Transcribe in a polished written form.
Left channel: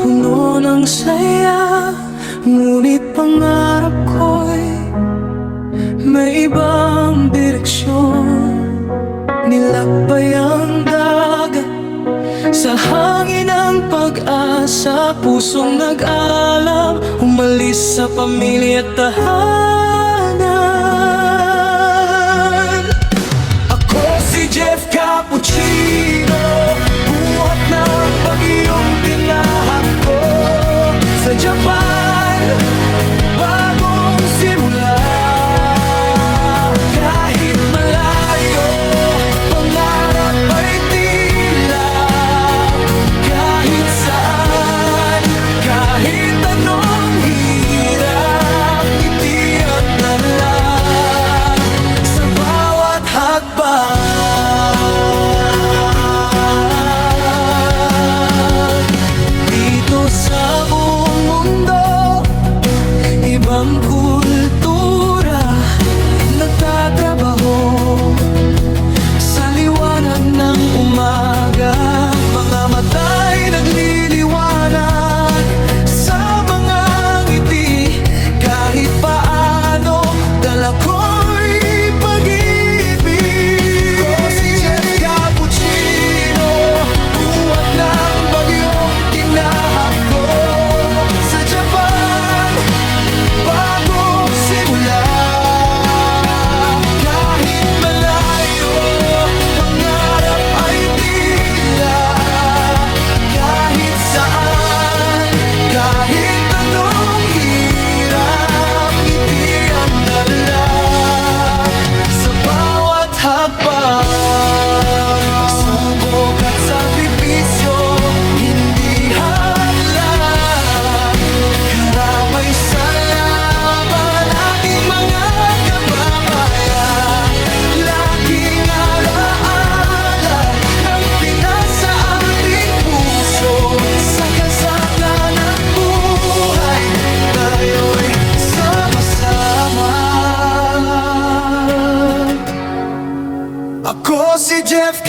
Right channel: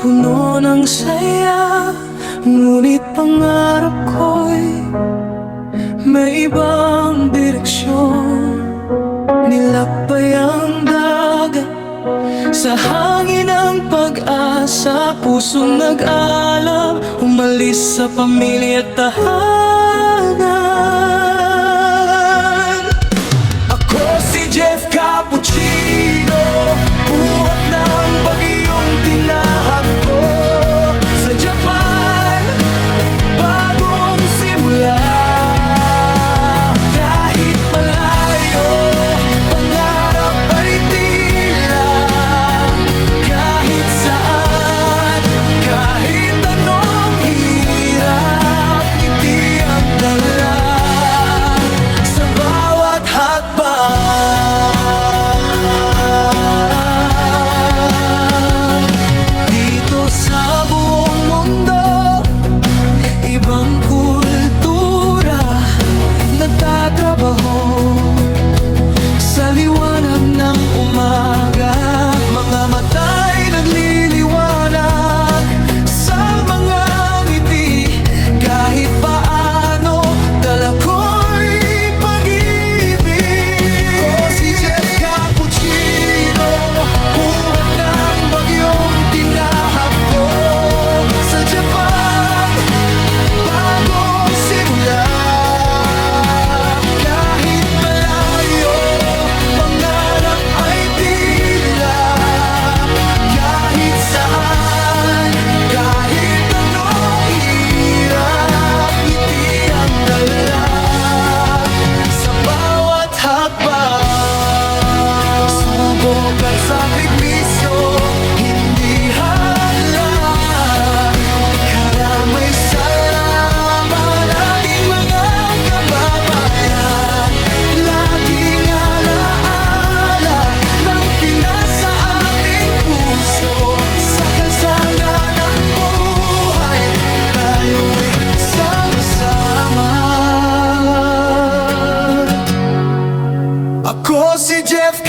puno ng saya, ngunit pangarap ko'y may ibang direksyon. Nilakbay ang dagat sa hangin ng pag-asa, pusong nag-aalam, umalis sa pamilya at tahanan. Ako si Jeff Cappuccino, buhat ng bagyong tinahak ko sa Japan, bagong simula. Kahit malayo, pangarap ay tila. Kahit saan, kahit anong hirap, ngiti ang dala sa bawat hakbang. Dito sa buong mundo, ibang kultura nagtatrabaho sa liwanag ng umaga. Mga mata'y nagliliwanag sa mga ngiti. Kahit paano, dala ko'y pag-ibig. Ako si Jeff Cappuccino, buhat ng bagyong tinahak ko sa Japan, bagong simula. Kahit malayo, pangarap ay tila. Kahit saan, kahit anong hirap, ngiti ang dala sa bawat hakbang. Subok at sakripisyo, hindi hadlang. Karamay sa laban, ating mga kababayan. Laging alaala ng Pinas sa ating puso. Sa kalsada ng buhay, tayo'y sama-sama. Ako si Jeff